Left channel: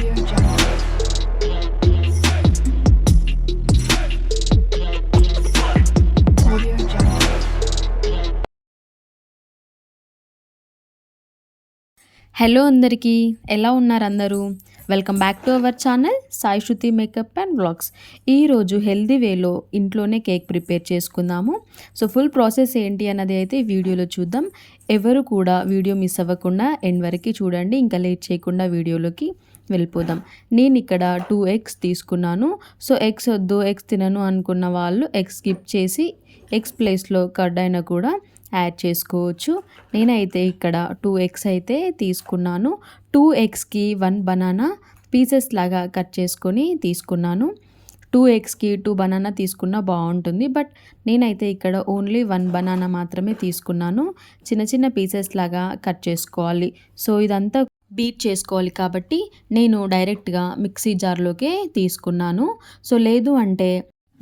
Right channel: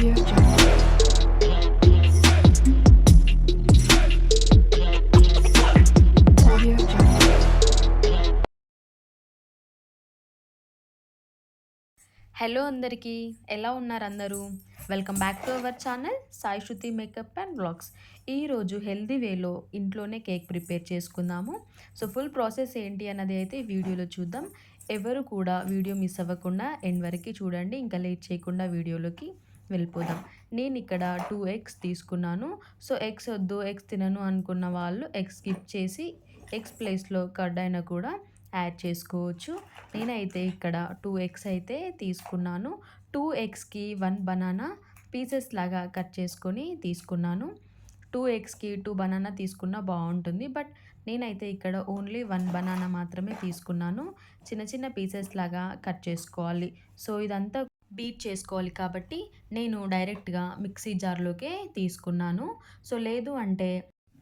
Audio Jungle. Audio Jungle. Hello అందరికీ, ఎలా ఉన్నారు అందరూ? Welcome back to our channel Sai Shruti makeup and vlogs. ఈరోజు హెల్దీ వేలో ఇంట్లోనే కేక్ ప్రిపేర్ చేసుకుందాము. సో ఫుల్ ప్రాసెస్ ఏంటి అన్నది అయితే ఈ వీడియోలో చూద్దాం. ఎవరు కూడా వీడియో మిస్ అవ్వకుండా ఎండ్ వరకు చూడండి. ఇంకా లేట్ చేయకుండా వీడియోలోకి వెళ్ళిపోదాం. నేను ఇక్కడ 2 ఎగ్స్ తీసుకున్నాను. సో ఎగ్స్ వద్దు, ఎగ్స్ తినను అనుకున్న వాళ్ళు ఎగ్స్ స్కిప్ చేసి ఎగ్స్ ప్లేస్లో కర్డ్ అయినా కూడా యాడ్ చేసుకోవచ్చు. నేనైతే ఇక్కడ 2 ఎగ్స్ అయితే తీసుకున్నాను. 2 ఎగ్స్కి 1 బనానా పీసెస్ లాగా కట్ చేసుకొని తీసుకున్నాను. 2 ఎగ్స్కి 2 బనానా తీసుకున్నా బాగుంటుంది. బట్ నేనైతే ఇక్కడ ఓన్లీ 1 బనానా మాత్రమే తీసుకున్నాను. చిన్న చిన్న పీసెస్ లాగా కట్ చేసుకోవాలి. సో ఇదంతా బీట్ చేసుకోవాలి కాబట్టి నేను డైరెక్ట్గా మిక్సీ జార్లోకే తీసుకున్నాను. సో లేదు అంటే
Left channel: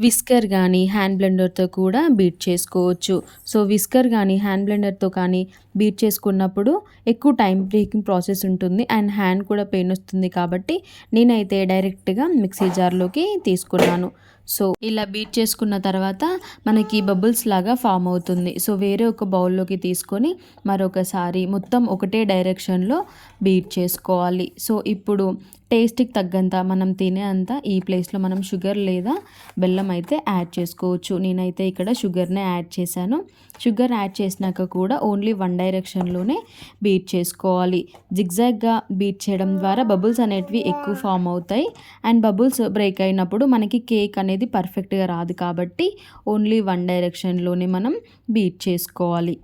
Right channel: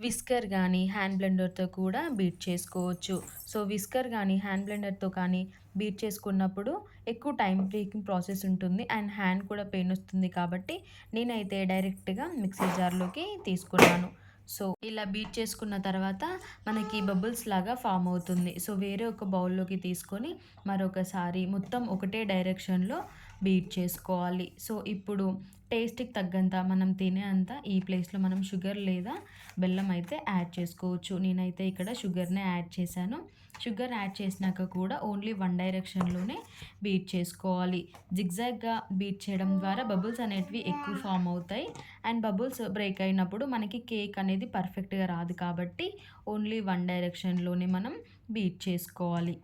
విస్కర్ కానీ హ్యాండ్ బ్లెండర్తో కూడా బీట్ చేసుకోవచ్చు. సో విస్కర్ కానీ హ్యాండ్ బ్లెండర్తో కానీ బీట్ చేసుకున్నప్పుడు ఎక్కువ టైం టేకింగ్ ప్రాసెస్ ఉంటుంది అండ్ హ్యాండ్ కూడా పెయిన్ వస్తుంది కాబట్టి నేనైతే డైరెక్ట్గా మిక్సీ జార్లోకి తీసుకున్నాను. సో ఇలా బీట్ చేసుకున్న తర్వాత మనకి బబుల్స్ లాగా ఫామ్ అవుతుంది. సో వేరే ఒక బౌల్లోకి తీసుకొని మరొకసారి మొత్తం ఒకటే డైరెక్షన్లో బీట్ చేసుకోవాలి. సో ఇప్పుడు టేస్ట్కి తగ్గంత మనం తినే అంత ఈ ప్లేస్లో మనం షుగర్ లేదా బెల్లం అయితే యాడ్ చేసుకోవచ్చు. నేనైతే ఇక్కడ షుగర్నే యాడ్ చేశాను. షుగర్ యాడ్ చేసినాక కూడా ఓన్లీ 1 డైరెక్షన్లోనే బీట్ చేసుకోవాలి. జిగ్జాగ్గా బీట్ చేయడం ద్వారా బబుల్స్ అనేటివి ఎక్కువ ఫామ్ అవుతాయి అండ్ బబుల్స్ బ్రేక్ అయినప్పుడు మనకి కేక్ అనేది పర్ఫెక్ట్గా రాదు కాబట్టి ఓన్లీ 1 డైరెక్షన్లోనే మనం బీట్ చేసుకోవాలి.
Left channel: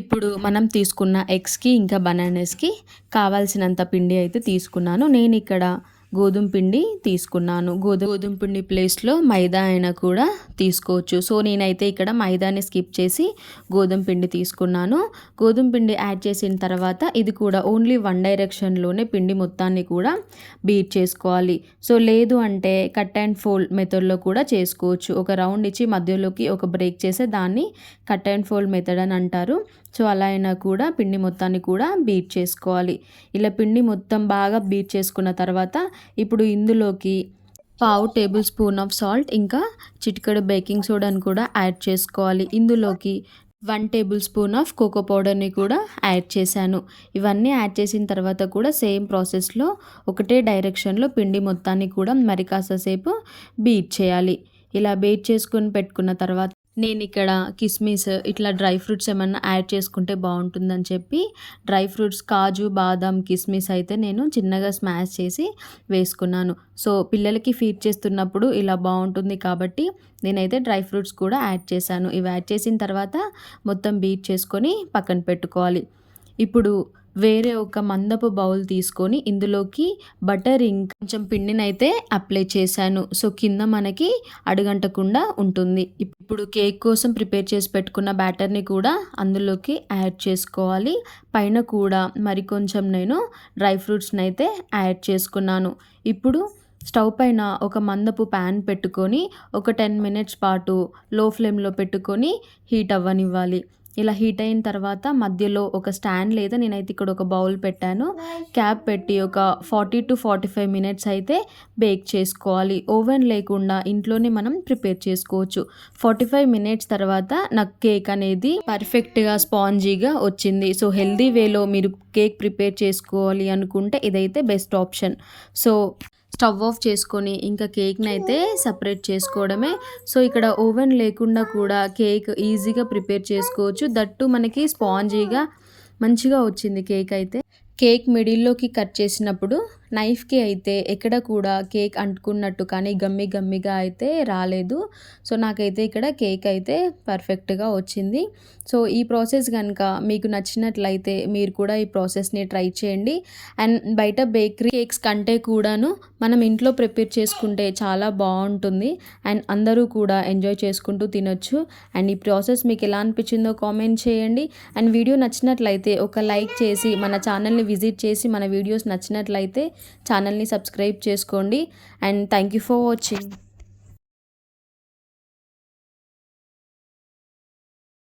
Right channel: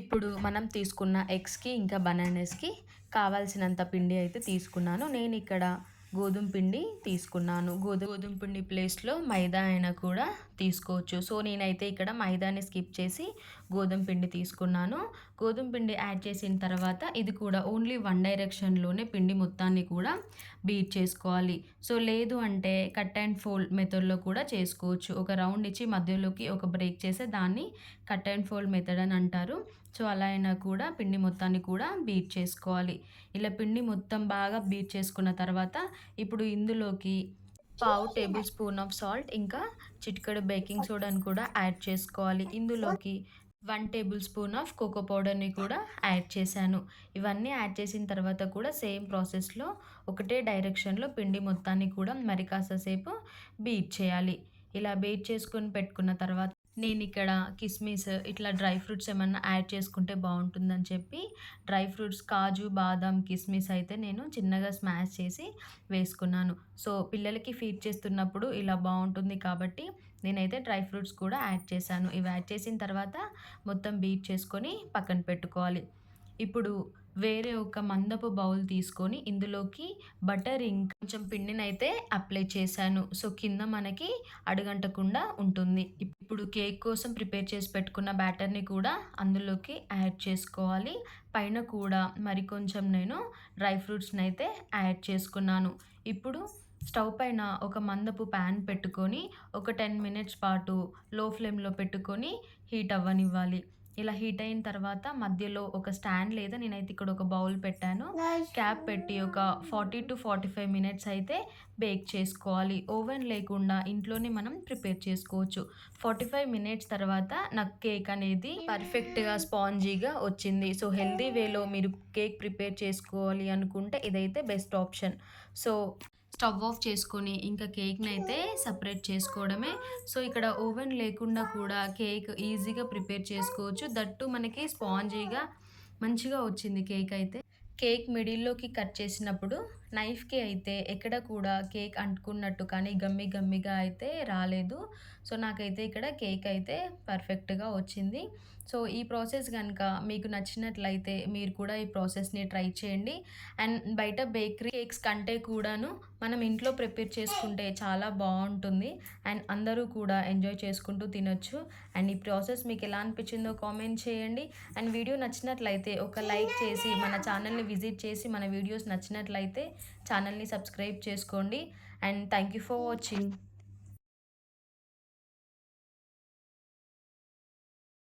ఇప్పుడు మనం తీసుకున్న ఎగ్స్కి ఇంకా బనానాస్కి కావాల్సినంత పిండి అయితే తీసుకున్నాను. నేను ఇక్కడ గోధుమ పిండి తీసుకున్నాను. గోధుమ పిండి ప్లేస్లో మైదా అయినా కూడా తీసుకోవచ్చు. సో నేనైతే ఇక్కడ మైదాని స్కిప్ చేసి గోధుమ పిండి తీసుకున్నాను. గోధుమ పిండి యాడ్ చేసిన తర్వాత ఇది కూడా ఓన్లీ 1 డైరెక్షన్లోనే పిండి మొత్తాన్ని కూడా బీట్ చేసుకోవాలి. సో లేదు అంటే కట్ అండ్ ఫోల్డ్ మెథడ్లో కూడా చేసుకోవచ్చు. ఒక రౌండ్ ఇచ్చి మధ్యలోకి ఒక బ్రేక్ చేస్తే దాన్ని కట్ అండ్ ఫోల్డ్ మెథడ్ అని అంటారు. సో అలా అయినా కూడా పిండి మొత్తాన్ని కూడా బీట్ చేసుకోవాలి. ఇలా పిండి మొత్తం బాగా బీట్ చేసుకున్న తర్వాత ఇప్పుడు ఇందులోకి 1/2 టేబుల్ స్పూన్ ఆఫ్ సాల్ట్ ఇంకా చిటికెడు బేకింగ్ సోడాని కూడా యాడ్ చేసుకోవాలి. ఇందులోకి 1 టేబుల్ స్పూన్ ఆఫ్ కోకో పౌడర్ని కూడా యాడ్ చేశాను. ఇవన్నీ యాడ్ చేసిన తర్వాత కూడా సేమ్ ప్రాసెస్లో ఒకటే డైరెక్షన్లో పిండి మొత్తాన్ని కూడా మరి కాసేపు బీట్ చేయాలి. ఇలా బీట్ చేసుకొని పెట్టుకున్న తర్వాత నేను ఇక్కడ కిస్మిస్ ఇట్లా డ్రై ఫ్రూట్స్ ఏమన్నా యాడ్ చేసుకుంటే బాగుంటుందని చెప్పి డ్రై ఫ్రూట్స్ కాజు బాదాం కిస్మిస్ అయితే నేను చిన్నగా స్మాష్ చేసి వేసుకున్నాను. సో పిల్లలకి ఫీడ్ చేస్తున్నప్పుడు ఇలా బాగుంటుంది కాబట్టి నేనైతే డ్రై ఫ్రూట్స్ కూడా యాడ్ చేశాను. ఇవి యాడ్ చేసిన తర్వాత మొత్తం బీట్ చేసుకొని పక్కన పెట్టుకోవాలి. ఇప్పుడు వేరే ఒక మందపు బౌల్ తీసుకొని ఇందులోకి బటర్ ఇంకా కొంచెం పిండినైతే అప్లై చేశాను. సో కింద మనకి అడుగంటకుండా ఉంటుంది. ఇప్పుడు కేక్ కోసం ప్రిపేర్ చేసి పెట్టుకున్న బ్యాటర్ని కూడా అందులోకి యాడ్ చేసుకోవాలి. పైన కూడా మరి కొంచెం నేను డ్రై ఫ్రూట్స్ని అయితే యాడ్ చేసుకున్నాను. ఇప్పుడు స్టవ్ పైన ఒక మందపు ప్యాన్ పెట్టుకొని ఒక 10 మినిట్స్ పాటు లో ఫ్లేమ్లో పెట్టుకొని హీట్ అవ్వనివ్వాలి. ఇలా హీట్ అయిన తర్వాత మధ్యలో ఒక స్టాండ్ లేదా నేనైతే ఇక్కడ ఒక బౌల్ పెట్టాను. క్యాప్ పెట్టి ఒక 40 to 45 మినిట్స్ అయితే బేక్ చేసుకోవాలి. ఓవెన్ లేకుండా ఇంట్లోనే మనం ప్రిపేర్ చేసుకోవచ్చు. 45 మినిట్స్ తర్వాత నాకు కేక్ అనేది పర్ఫెక్ట్గా స్పాంజీగా వచ్చింది. సో హెల్దీ వేలో మీరు కేక్ ప్రిపేర్ చేసుకోవాలి అనుకుంటే ఇదైతే best option. So stove off చేసుకొని ఇంకా కేక్ని అయితే సపరేట్ చేసుకోవడమే. సో ఇక్కడ ఓవెన్ లేకుండా కూడా కేక్ ఈజీగా ప్రిపేర్ చేసుకోవచ్చు. దట్టు మనకి స్పాంజీగా మంచిగా వచ్చింది కేక్ అయితే. కేక్ మిడిల్లోకి కట్ చేసినప్పుడు నైఫ్కి అయితే ఎక్కడ కూడా కేక్ అంటుకున్నట్టు కానీ గమ్మిగా అయితే రాలేదు. సో నాకైతే ఇక్కడ కేక్ అయితే పర్ఫెక్ట్గా వచ్చింది. సో ఈ ప్రాసెస్ కనుక మీకు నచ్చినట్లయితే మీరు కూడా ఈ ప్రాసెస్ని ట్రై చేయండి. అండ్ బయట బేకరీ కేక్స్ కంటే కూడాను మనం ఇంట్లో ప్రిపేర్ చేసుకుంటే చాలా బాగుంటుంది అండ్ అందరూ కూడా ఎంజాయ్ చేసుకుంటూ తినొచ్చు. అండ్ ఈ ప్రాసెస్ మీకు ఎలా అనిపించిందో కామెంట్ చేయండి. అండ్ వీడియో నచ్చినట్లయితే ఒక లైక్ చేసి మన ఛానల్ని విజిట్ చేసి మన వీడియోస్ నచ్చినట్లయితే ఛానల్ని సబ్స్క్రైబ్ చేసుకోండి. And thank you for watching.